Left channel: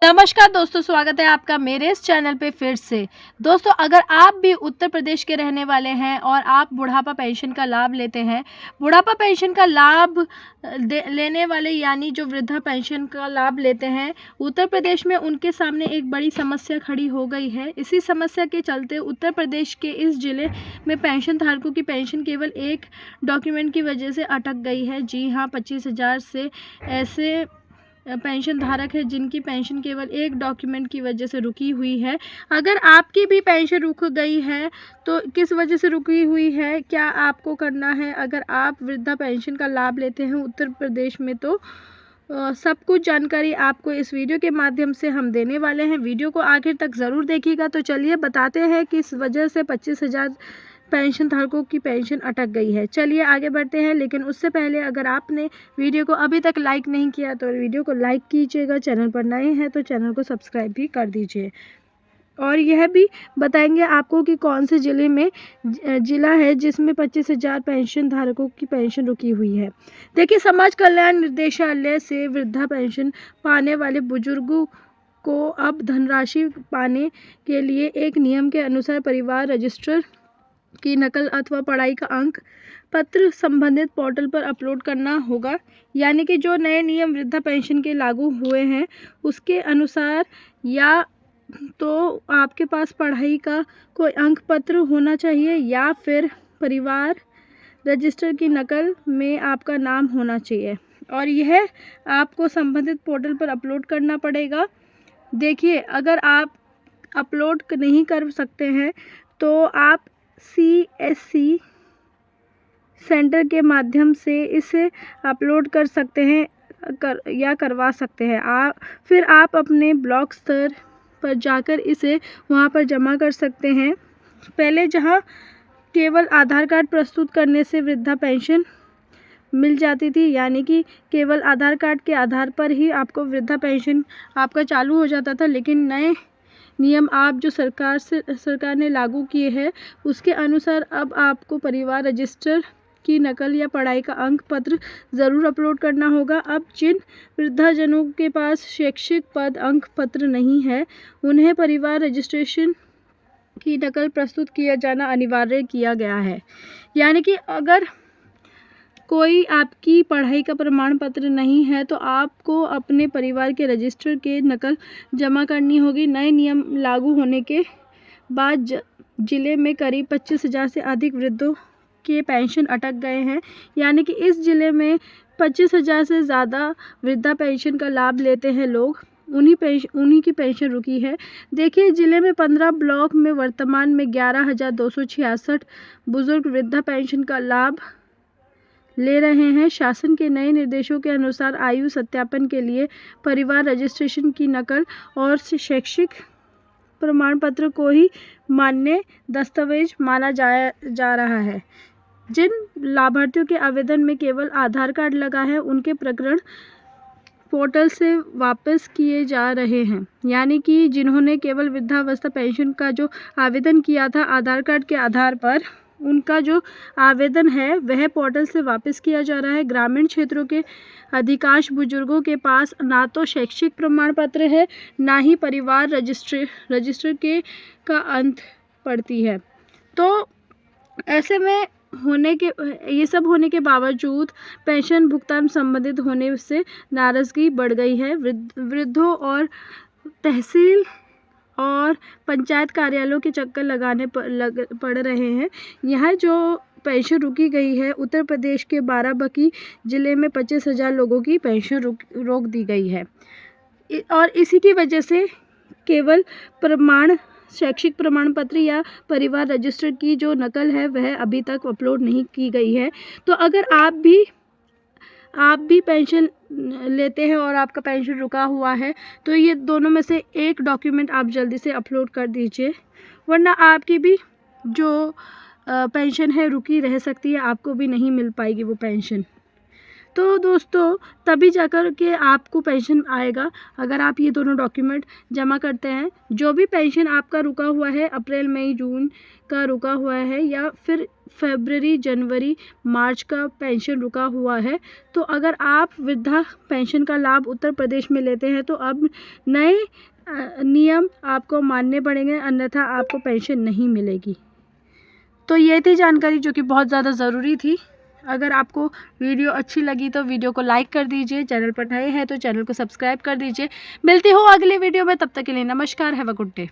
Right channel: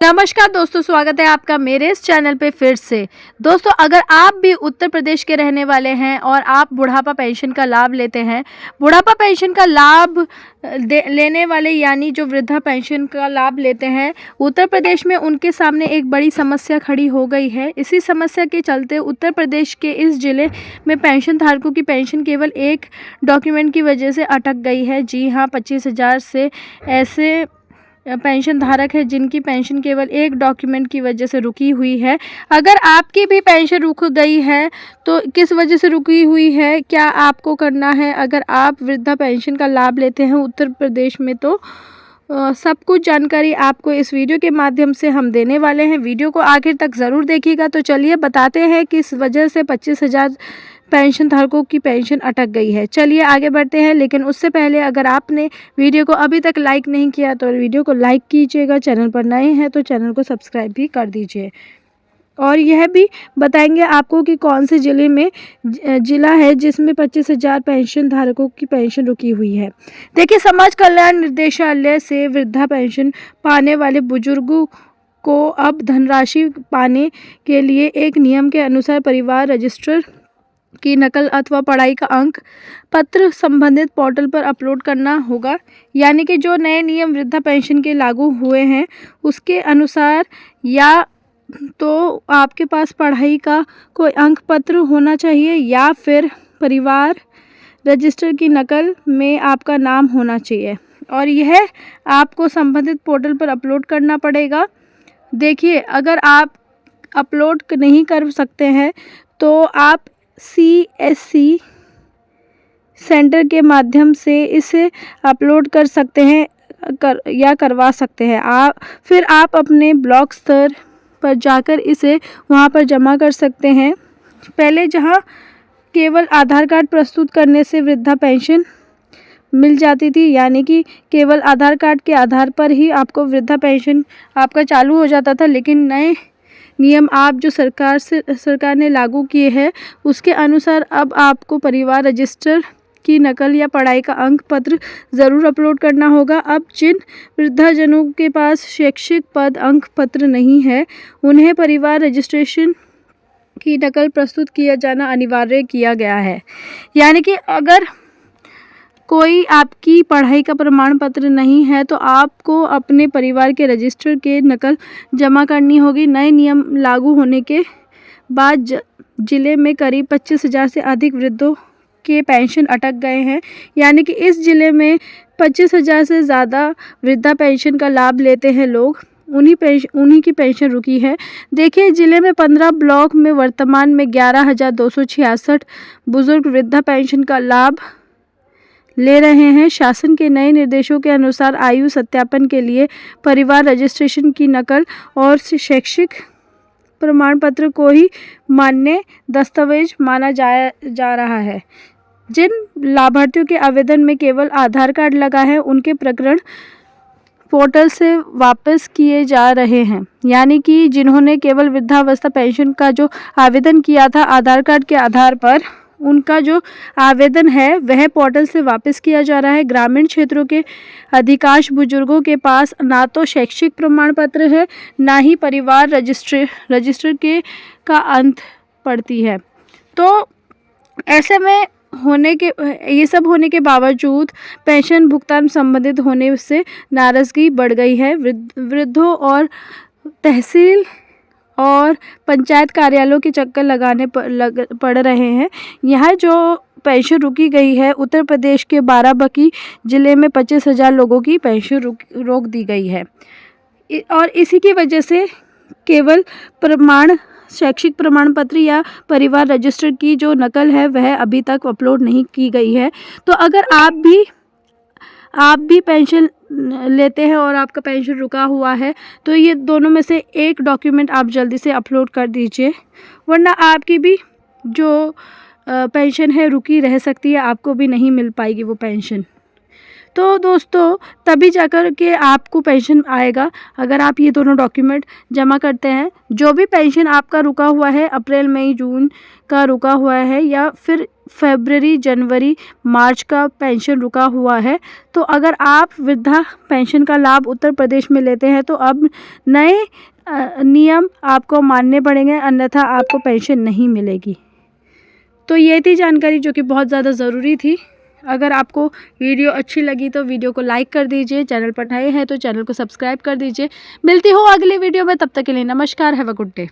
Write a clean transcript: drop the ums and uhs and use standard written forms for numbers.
नमस्कार दोस्तों, स्वागत है आपका मेरे इस चैनल पे फिर से। दोस्तों, अगर आप भी उत्तर प्रदेश के रहने वाले हैं और आप बुढ़ापा पेंशन का लाभ लेते हैं, बुढ़ापा पेंशन का लाभ लेने वाले यानी जो वृद्धा पेंशन का लाभ लेते हैं, उत्तर प्रदेश में उनके सामने एक बड़ी समस्या खड़ी हो गई है। इसी समस्या के चलते उत्तर प्रदेश के इस ज़िले में पेंशन धारकों की पेंशन केवल एक डॉक्यूमेंट की वजह से अटक गई है। जी हाँ, 25,000 से ऐसे पेंशन धारक है जिनकी पेंशन केवल एक डॉक्यूमेंट की वजह से रुकी हुई है। अगर आपकी भी पेंशन रुक गई है तो किस वजह से रुकी हुई है, क्या आपको करना है? अगर आप वृद्धा पेंशन का लाभ लेते हैं उत्तर प्रदेश में तो सब कुछ जानकारी आपको इस वीडियो के माध्यम से हम देने वाले हैं। वीडियो को आखिर तक ज़रूर देखिएगा। तो चलिए बताते हैं कि इस वजह से 25,000 पेंशन धारकों की पेंशन अटक गई है। चलिए आगे बढ़ते हैं, लेकिन उससे पहले अगर आपने वीडियो को अभी तक लाइक नहीं किया तो वीडियो को लाइक कीजिएगा। चैनल पर नए हैं तो चैनल को सब्सक्राइब भी कर दीजिए। और यह भी बताएंगे आपको कि कौन से ज़िले में ज़िला है जिसमें 25,000 पेंशन धारकों की पेंशन रुकी हुई है। देखिए, समाज कल्याण निर्देशालय से वृद्धा पेंशन पाने वाले बुजुर्गों को अब धनराशि पाने के लिए एक नियम के अनुसार परिवार रजिस्टर की नकल अथवा पढ़ाई का अंक पत्र संबंधित पोर्टल पर अपलोड करना होगा। यानी कि जो नए नियम वृद्धा पेंशन के लागू हुए हैं उसके अनुसार या तो आपके पास पढ़ाई का कोई अंक पत्र होना चाहिए या फिर परिवार रजिस्टर की नकल में आपका नाम होना चाहिए और यह आपको संबंधित पोर्टल पर अपलोड करना पड़ेगा। देखिए, अगर आप अपलोड नहीं कर सकते हैं तो आप CSC सेंटर के माध्यम से इसे अपलोड कर सकते हैं या करवा सकते हैं। फिर आप अपने ब्लॉक स्तर पर जाकर इसे वहां पर जमा कर सकते हैं। पहले जहां केवल आधार कार्ड प्रस्तुत करने से वृद्धा पेंशन मिल जाती थी, यानी कि केवल आधार कार्ड के आधार पर ही आपको वृद्धा पेंशन आपका चालू हो जाता था, लेकिन नए नियम आप जो सरकार ने लागू किए हैं उसके अनुसार अब आपको परिवार रजिस्टर की नकल या पढ़ाई का अंक पत्र ज़रूर अपलोड करना होगा। अब जिन वृद्धाजनों के पास शैक्षिक पद अंक पत्र नहीं है उन्हें परिवार रजिस्ट्रेशन की नकल प्रस्तुत किया जाना अनिवार्य किया गया है। यानी कि अगर कोई आपकी पढ़ाई का प्रमाण पत्र नहीं है तो आपको अपने परिवार के रजिस्टर के नकल जमा करनी होगी। नए नियम लागू होने के बाद ज़िले में करीब 25,000 से अधिक वृद्धों के पेंशन अटक गए हैं। यानी कि इस ज़िले में 25,000 से ज़्यादा वृद्धा पेंशन का लाभ लेते हैं लोग, उन्हीं की पेंशन रुकी है। देखिए, ज़िले में 15 ब्लॉक में वर्तमान में 11,266 बुजुर्ग वृद्धा पेंशन का लाभ ले रहे हैं। शासन के नए निर्देशों के अनुसार आयु सत्यापन के लिए परिवार रजिस्ट्रेशन की नकल और शैक्षिक प्रमाण पत्र को ही मान्य दस्तावेज माना जा रहा है। जिन लाभार्थियों के आवेदन में केवल आधार कार्ड लगा है उनके प्रकरण पोर्टल से वापस किए जा रहे हैं। यानी कि जिन्होंने केवल वृद्धावस्था पेंशन का जो आवेदन किया था आधार कार्ड के आधार पर, उनका जो आवेदन है वह पोर्टल से वापस किया जा रहा है। ग्रामीण क्षेत्रों के अधिकांश बुजुर्गों के पास ना तो शैक्षिक प्रमाण पत्र है ना ही परिवार रजिस्टर के का अंत पड़ती है। तो ऐसे में ये सब होने के बावजूद पेंशन भुगतान संबंधित होने से नाराज़गी बढ़ गई है। वृद्धों और तहसील और पंचायत कार्यालयों के चक्कर लगाने पड़ रहे हैं। यहाँ जो पेंशन रुकी गई है उत्तर प्रदेश के बाराबंकी ज़िले में 25,000 लोगों की पेंशन रोक दी गई है और इसी की वजह से केवल शैक्षिक प्रमाण पत्र या परिवार रजिस्टर की जो नकल है वह अभी तक अपलोड नहीं की गई है। तो अगर आप भी पेंशन लेते हैं और आपका पेंशन रुका हुआ है तो ये दोनों में से एक डॉक्यूमेंट आप जल्दी से अपलोड कर दीजिए, वरना आपकी भी जो पेंशन है रुकी रह सकती है, आपको भी नहीं मिल पाएगी वो पेंशन। तो दोस्तों, तभी जाकर के आपको पेंशन आएगा अगर आप ये दोनों डॉक्यूमेंट जमा करते हैं। जो भी पेंशन आपका रुका हुआ है, अप्रैल मई जून का रुका हुआ है या फिर फरवरी, जनवरी, मार्च का पेंशन रुका हुआ है। तो अगर आप वृद्धा पेंशन का लाभ उत्तर प्रदेश में लेते हैं तो अब नए नियम आपको मानने पड़ेंगे, अन्यथा आपको पेंशन नहीं मिलेगी। तो ये थी जानकारी जो कि बहुत ज़्यादा ज़रूरी थी। अगर आपको वीडियो अच्छी लगी तो वीडियो को लाइक कर दीजिए, चैनल पर नए हैं तो चैनल को सब्सक्राइब कर दीजिए। मिलती हूँ अगले वीडियो में, तब तक के लिए नमस्कार, हैव अ गुड डे।